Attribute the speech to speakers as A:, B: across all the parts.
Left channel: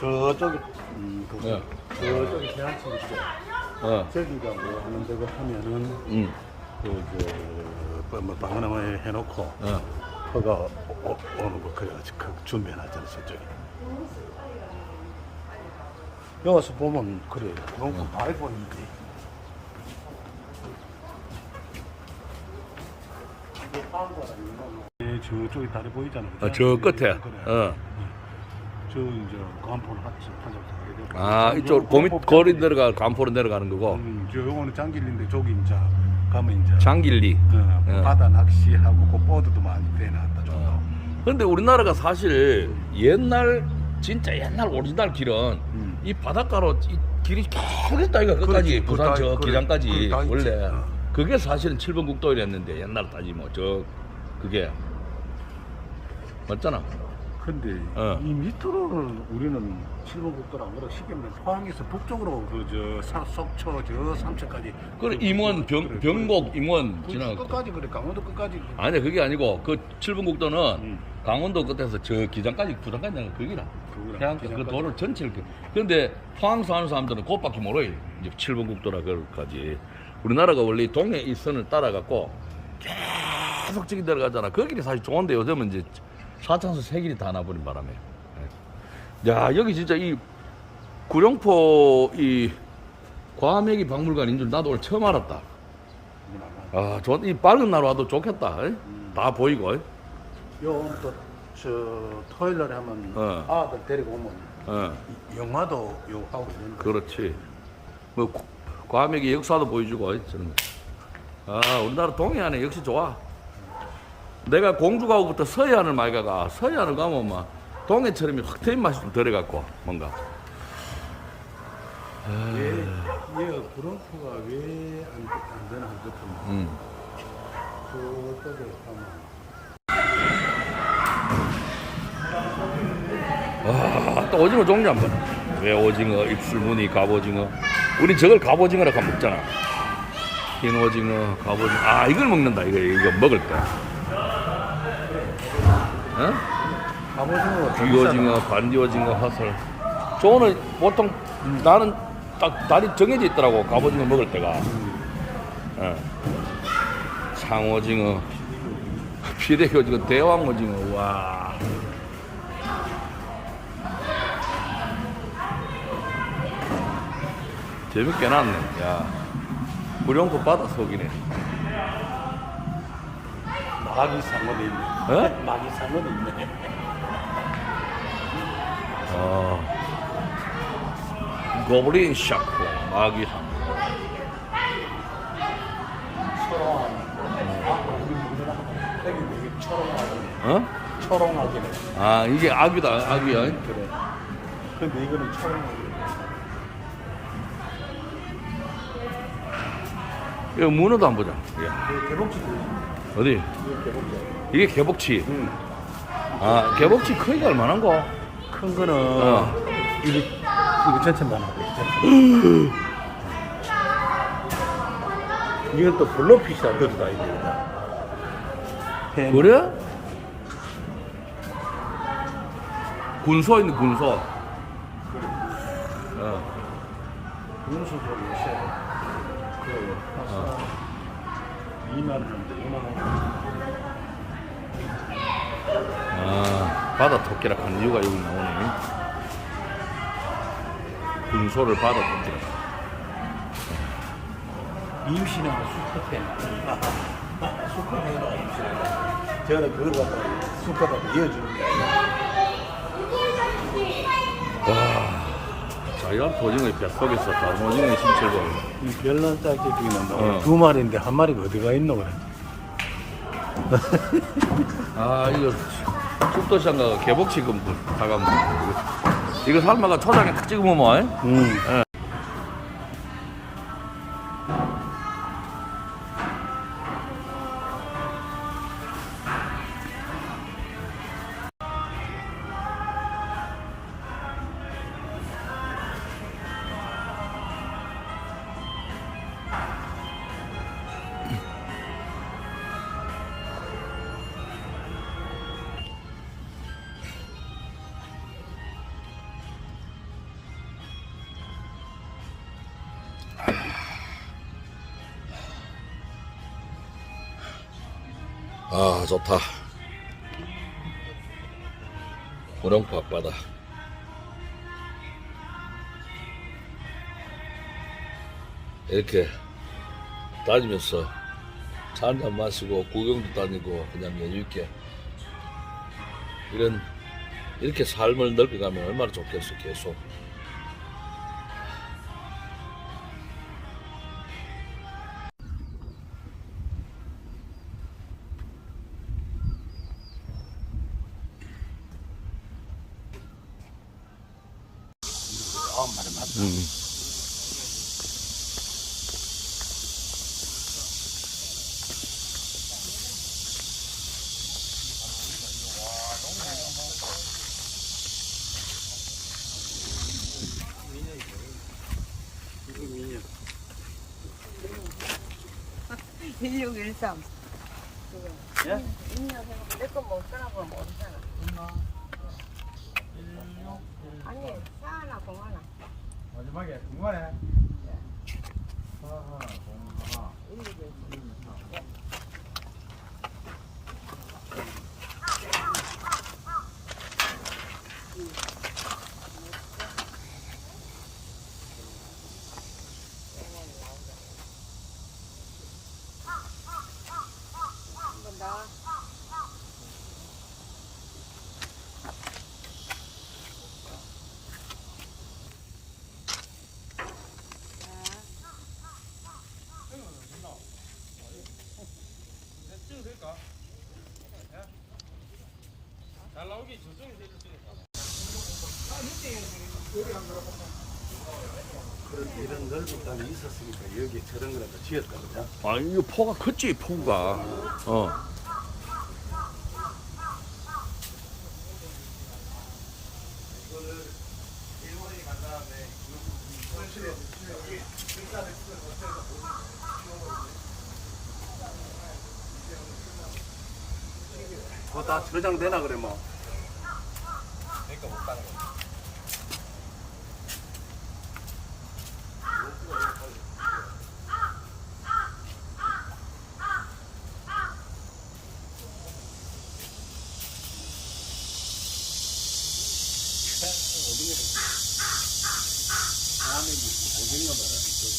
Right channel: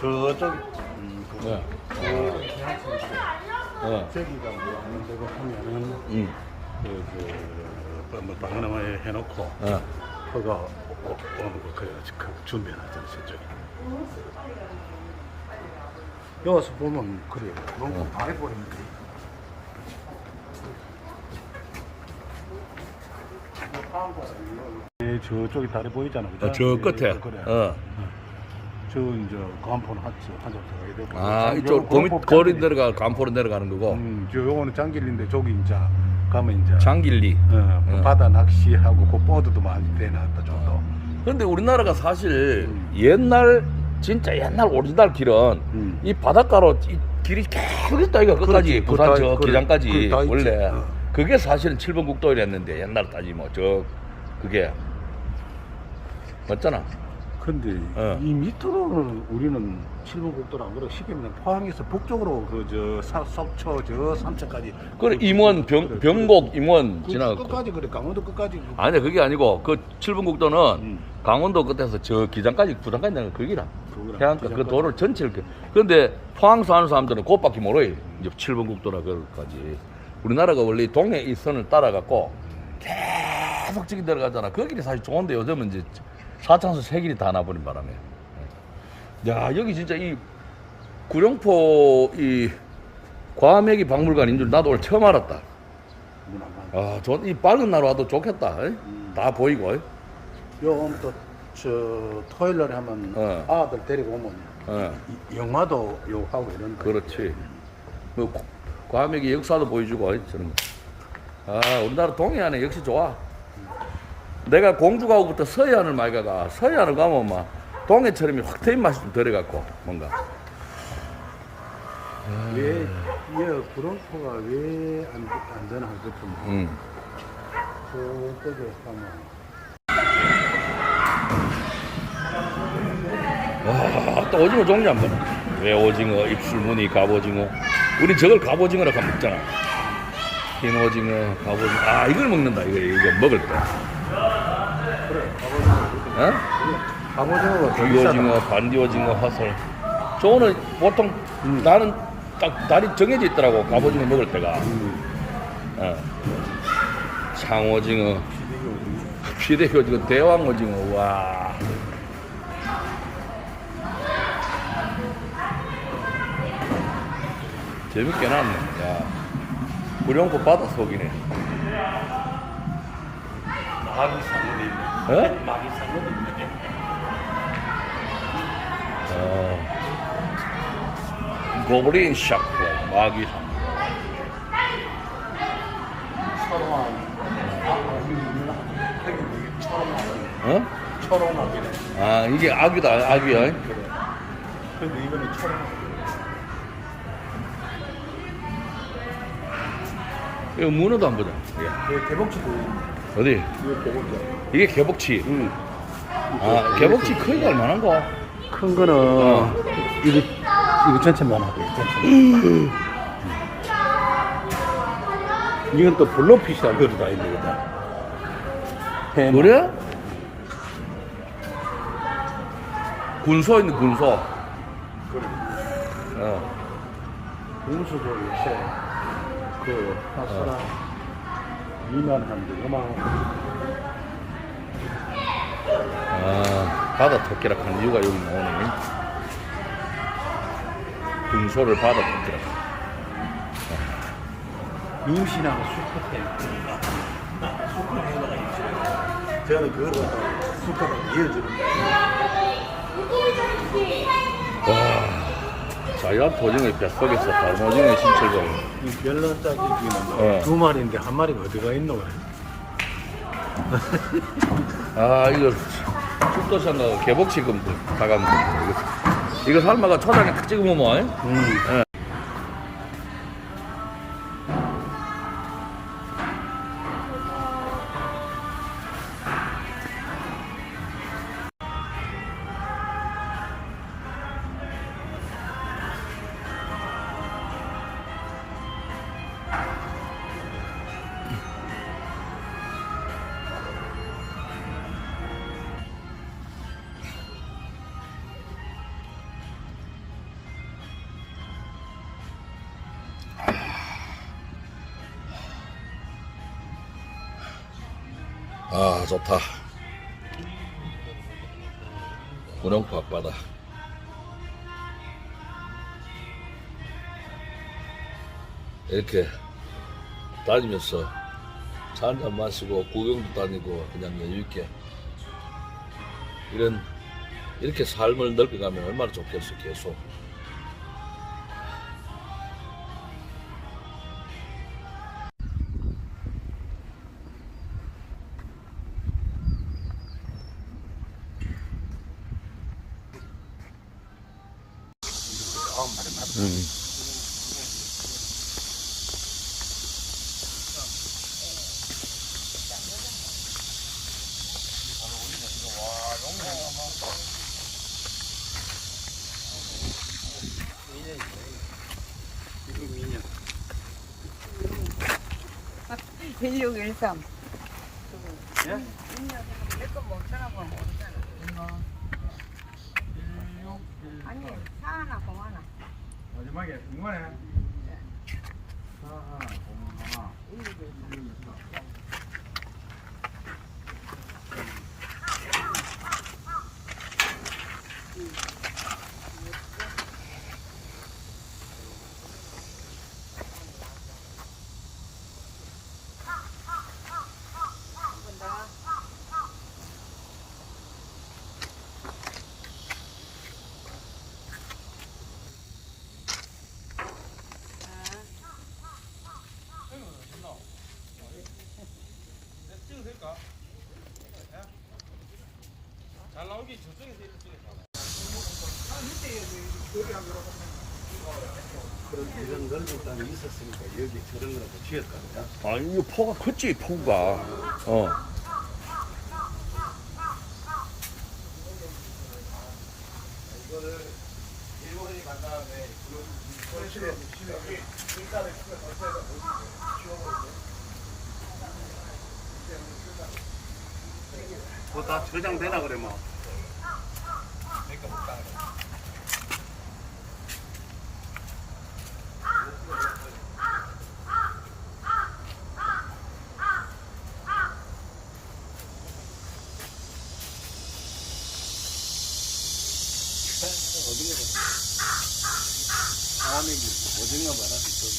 A: 저쪽 음, 그,
B: 네.
A: 저쪽 해안치 있어.
B: 어.
A: 저기가 뭐 하는 데가 하면은
B: 음.
A: 그그 뭐 당근을 해놓고
B: 어.
A: 그가 오- 오는 거 그, 그 준비해놨잖아 저쪽. 여기서 보면 그래. 너무
B: 어.
A: 아래 보이는데. 네, 저쪽이 다리 보이잖아. 그죠?
B: 어, 저 끝에.
A: 그래.
B: 어.
A: 저 이제 하츠 한점 들어가야 돼.
B: 아, 이쪽 고미, 거리 내려가, 간포로 내려가는 거고.
A: 음, 저 요거는 장길인데 저기 이제 가면 이제
B: 장길리.
A: 어,
B: 어.
A: 바다 낚시하고 그 보드도 많이 빼놨다. 좀.
B: 어. 근데 우리나라가 사실 옛날, 진짜 옛날 오리지널 길은
A: 음.
B: 이 바닷가로 이 길이 계속 있다, 이거 끝까지.
A: 그렇지.
B: 부산 저
A: 다-
B: 기장까지. 원래.
A: 어.
B: 그게 사실은 7번 국도였는데, 옛날 따지면. 저, 그게. 맞잖아.
A: 근데
B: 어.
A: 이 밑으로는 우리는 칠번국도를 안 그래. 쉽게 말하면 포항에서 북쪽으로 그저 속초 저 삼척까지.
B: 그래, 임원, 병,
A: 그래,
B: 병곡, 임원
A: 그
B: 지나갔고.
A: 끝까지 그래. 강원도 끝까지.
B: 아니, 그게 아니고, 그 7번 국도는
A: 음.
B: 강원도 끝에서 저 기장까지, 부산까지 내가 거기라. 해안가 그. 도로를 전체를. 그- 근데 포항 사는 사람들은 그것밖에 모르요. 이제 7번 국도라 그까지. 우리나라가 원래 이 동해 이 선을 따라갖고 계속 저기 들어가잖아. 그 길이 사실 좋은데 요즘은 이제 4차선 세 길이 다 나버린 바람에. 예. 야, 여기 진짜 이 구룡포 이 과메기 박물관인 줄 나도 오늘 처음 알았다. 아, 좋, 이 밝은 날 와도 좋겠다. 에? 다 보이고. 에?
A: 요건 또저 토요일 날에 하면
B: 어.
A: 아들 데리고 오면
B: 어.
A: 이- 영화도 요 하고 그러는 거.
B: 그렇지. 뭐 고- 과메기 역사도 보여주고 어이, 저런 거. 아 우리나라 동해안에 역시 좋아. 내가 공주 가고부터 서해안을 많이 가가 서해안을 가면 막 동해처럼 확 트인 맛이 좀 들어갖고 뭔가.
A: 왜, 왜 브론코가 왜안 안 되나 싶은데
B: 음. 와, 또 오징어 종류 한 번. 왜 오징어, 입술무늬, 갑오징어. 우리 저걸 갑오징어라고 먹잖아. 흰 오징어, 갑오징어. 아, 이걸 먹는다, 이거, 이거 먹을 때. 어? 귀오징어, 반디오징어, 화살. 저거는 보통 나는 딱 날이 정해져 있더라고. 갑오징어 먹을 때가. 어. 창오징어, 피대오징어, 대왕오징어. 와. 재밌게 났네. 야. 구룡포 바다 속이네.
A: 마기 상어도 있네
B: 어?
A: 마기 상어도 있네
B: 어. 고블린 샤크, 마기상. 어?
A: 초록마기네
B: 아, 이게 아귀다, 아귀야.
A: 그래 근데 이거는 초록마기
B: 이거 문어도 안 보자. 이야,
A: 개복치도
B: 어디? 이게 개복치.
A: 응.
B: 아, 개복치 크기가 얼마나 거?
A: 큰 거는
B: 어.
A: 이거 하고 있죠. 이건 또 블로피시라고 그래도 많이 되겠다.
B: 그래? 군소 있는 군소. 어.
A: 분수도 요새 그
B: 어.
A: 2만 원대 5만 원.
B: 아, 바다 토끼라 하는 이유가 여기 나오네. 군소를 바다 토끼라.
A: 임신하고 수컷 때 수컷 임신하고 저는 그걸 갖다 수컷을 이어주는 거예요.
B: 와, 자연 도징어의 뱃속에서 다른 오징어의 신체를 보면
A: 이 별난짝지기는
B: 어.
A: 두 마리인데 한 마리가 어디가 있노 그래.
B: 아 이거 숙도장가 개복치금 됩니다. 이거 이거 삶아가 초장에 탁 찍어 먹으면
A: 음.
B: 예. 좋다. 고령포 앞바다. 이렇게 다니면서 차 한잔 마시고 구경도 다니고 그냥 여유있게 이런 이렇게 삶을 넓혀가면 얼마나 좋겠어 계속 음.
C: 밀육 일삼.
A: 예?
C: 이거 못 따라 보면 못 따라. 아니 사 하나 공 하나.
A: 마지막에 궁금하네. 하나, 공 하나. 그런 이런 넓은 땅이 있었으니까 여기 저런 거라도 지었거든요.
B: 아 이거 포가 컸지 포가 어
A: 그거 다 저장되나 그래 뭐. 다음에 오징어 봐라 이쪽.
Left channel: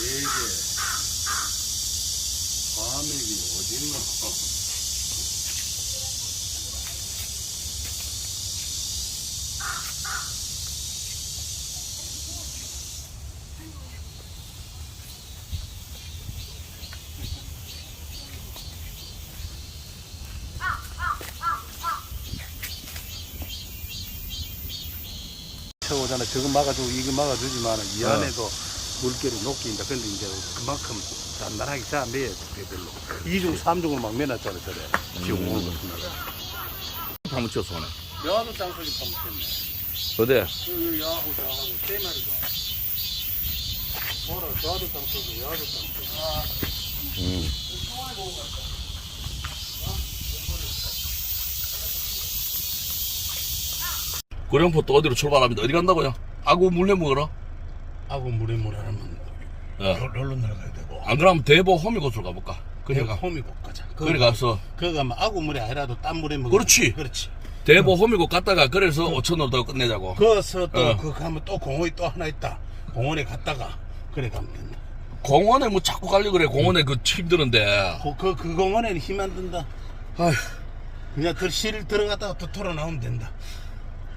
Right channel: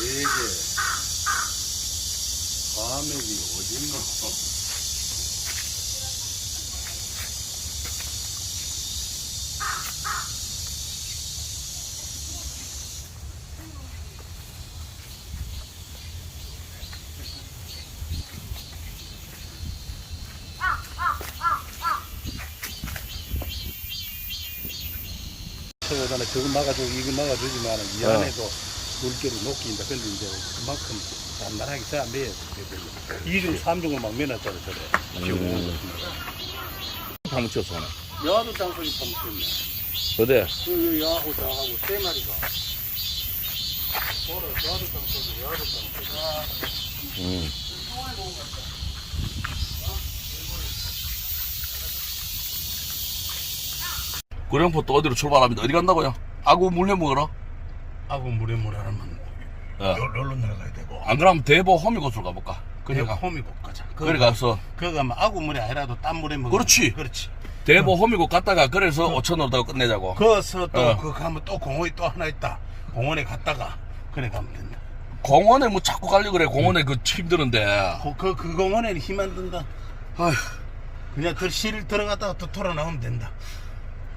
A: 되게 과메기 오징어 오잖아 저거 막아주고 이거 막아주지만 이
B: 어.
A: 안에도 물결이 녹긴다 근데 이제 그만큼 단단하게 잘 매야 돼 별로. 2중 3중을 막 매놨잖아
B: 한번 치웠어 오네
A: 여하도 장소이 pompen
B: 어디
A: 그 여하고 저하고 세 마리가. 보라 저하도 장소고 여하도 장소고.
B: 음. 고령포 또 어디로 출발합니다 어디 간다고요? 아구 물려 먹으러
A: 하고 물에 물 하면
B: 어.
A: 롤로 내려가야 되고.
B: 안 그러면 대보 호미곶을 가볼까?
A: 그래가. 홈이 가자.
B: 그래 가서.
A: 그거 가면 아구 물이 아니라도 딴 물에 먹어
B: 그렇지.
A: 그렇지.
B: 대보 호미곶 갔다가 그래서 5천 원으로 끝내자고.
A: 거기서 또
B: 어.
A: 그 가면 또 공원이 또 하나 있다. 공원에 갔다가 그래 가면 된다.
B: 공원에 뭐 자꾸 가려 그래. 공원에 그 힘드는데.
A: 그, 그, 그 공원에 힘안 든다.
B: 아휴.
A: 그냥 들, 실 들어갔다가 또 돌아 나오면 된다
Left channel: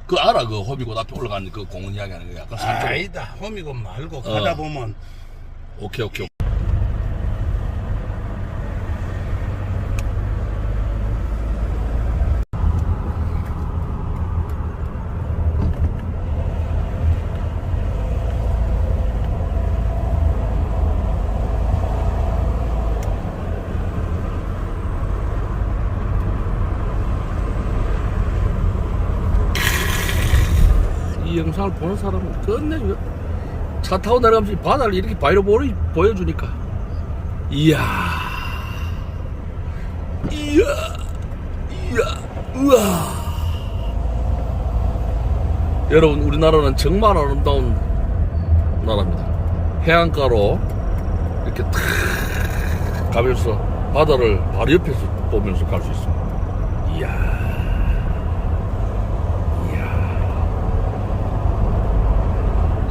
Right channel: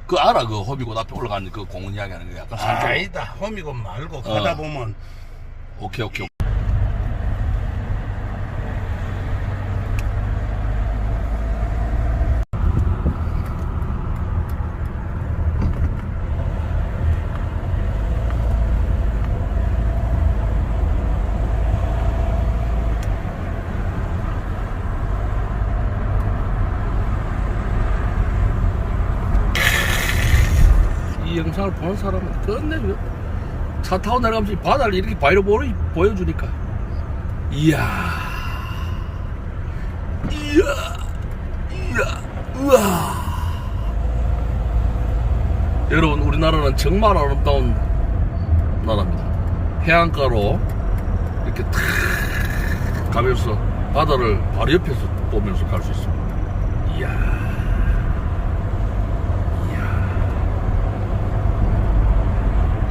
B: 그 알아? 그 호미곶 앞에 올라가는 그 공원 이야기하는 거 약간 산쪽.
A: 아니다. 홈이고 말고
B: 어.
A: 가다 보면.
B: 오케이 오케이 이 영상을 보는 사람은 끝내주겠다. 차 타고 내려가면서 이 바다를 이렇게 보여, 보여주니까. 이야. 이야. 이야. 우와. 여러분, 우리나라는 정말 아름다운 나라입니다. 해안가로 이렇게 탁 가면서 바다를 바로 옆에서 보면서 갈 수 있습니다. 이야.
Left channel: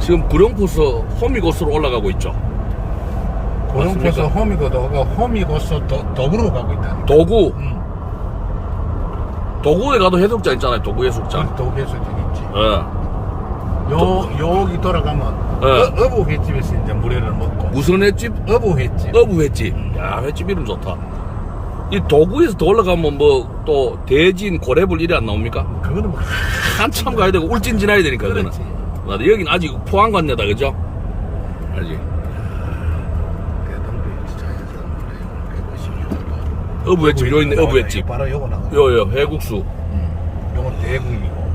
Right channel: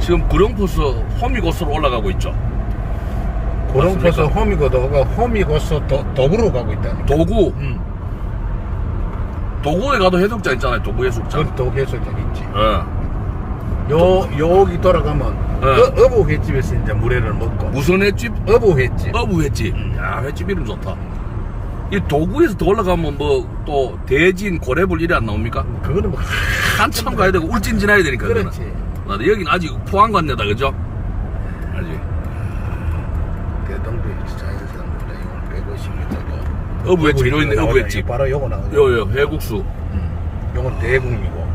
B: 지금 구룡포스 호미곶으로 올라가고 있죠. 맞습니까?
A: 호미고도가 호미고서 도, 도구로 가고 있다니까.
B: 도구,
A: 응.
B: 도구에 가도 해수욕장 있잖아요. 도구 해수욕장.
A: 저 도계소장 있지.
B: 예.
A: 요 여기 돌아가면
B: 예.
A: 어, 어부 횟집에서 이제 물회를 먹고
B: 무슨 횟집?
A: 어부 횟집.
B: 어부 횟집. 야, 횟집 이름 좋다. 이 도구에서 더 올라가면 뭐 또 대진, 고래불 이래 안 나옵니까?
A: 그거는 뭐
B: 한참 가야 되고 울진 지나야 되니까 그거는.
A: 그렇지.
B: 맞아. 여긴 아직 포항 관내다 그죠? 알지?
A: 대동도 진짜 이거
B: 어부 횟집 요 있네 어부 횟집.
A: 바로 요거 나오네.
B: 요요 회국수.
A: 음. 요건 대국이고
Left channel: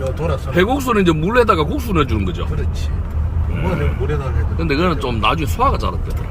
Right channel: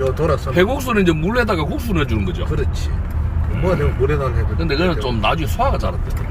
A: 요 돌아서
B: 회국수는 이제 물에다가 국수 넣어주는 거죠.
A: 그렇지. 뭐 내가 물에다 해도
B: 근데 그거는 좀 나중에 소화가 잘했더라.